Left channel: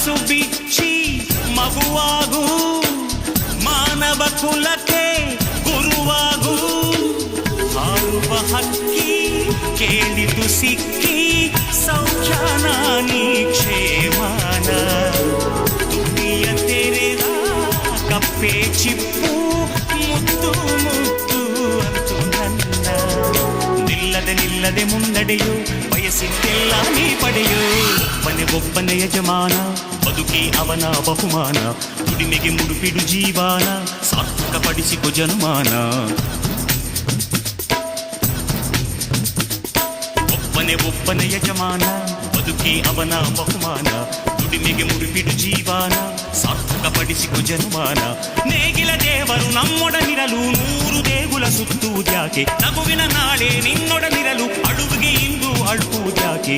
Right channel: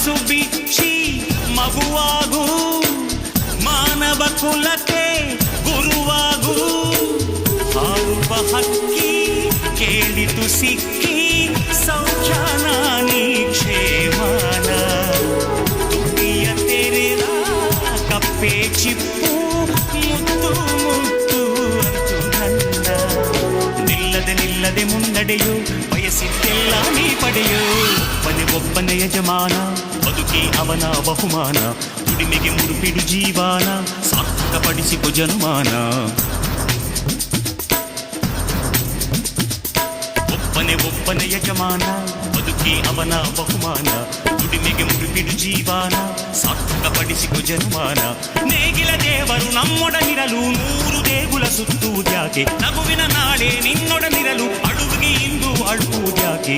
ಮನಸ್ಸು ಬಿಚ್ಚಿ ಮಗುವಾಗೂ ಮಾನವ ಕುಲಕ್ಕೆ ಗುರುವಾಗೂ ಹಾರುವ ಹಕ್ಕಿ ಕೇಳಿತು ಸಿಕ್ಕಿ ಸೌಖ್ಯಾನ ನೀ ಕ್ಷೇಮಾನ ತುಟಿಯ ತೆರೆದ ಕಪ್ಪೆ ಚಿಪ್ಪು ಮುತ್ತು ಮುತ್ತು ಅಂತು ನನ್ನ ನಿಲ್ಲದೆ ಮುನ್ನಡೆಯೋ ಬಯಸಿದ್ದೆಲ್ಲ ನೀ ಪಡೆಯೋ ಒಬ್ಬನೇ ಯಜಮಾನ ಬದುಕೇ ಅವನ ಬಹುಮಾನ ದುಡಿಮೆಗೆ ಮುಡುಪಿಡು ಜೀವಾನ ಸಾರ್ಥಕಪಡಿಸಿಕೊ ಜನುಮಾನ ಒಬ್ಬನೇ ಯಜಮಾನ ಬದುಕೇ ಅವನ ಬಹುಮಾನ ದುಡಿಮೆಗೆ ಮುಡುಪಿಡು ಜೀವಾನ ಸಾರ್ಥಕಪಡಿಸಿಕೊ ಜನುಮಾನ ನೇಗಿಲ ದೇವರು ನಮ್ಮೊಡನಿರಲು 100 ದೇಗುಲ ಸುತ್ತುವುದ್ಯಾಕೆ ನಗುವಿನ ನಾಳೆ ನಿನ್ನೊಡನಿರಲು ಅಳುವಿಗೆ ಇಂದು ಅಳುವುದ್ಯಾಕೆ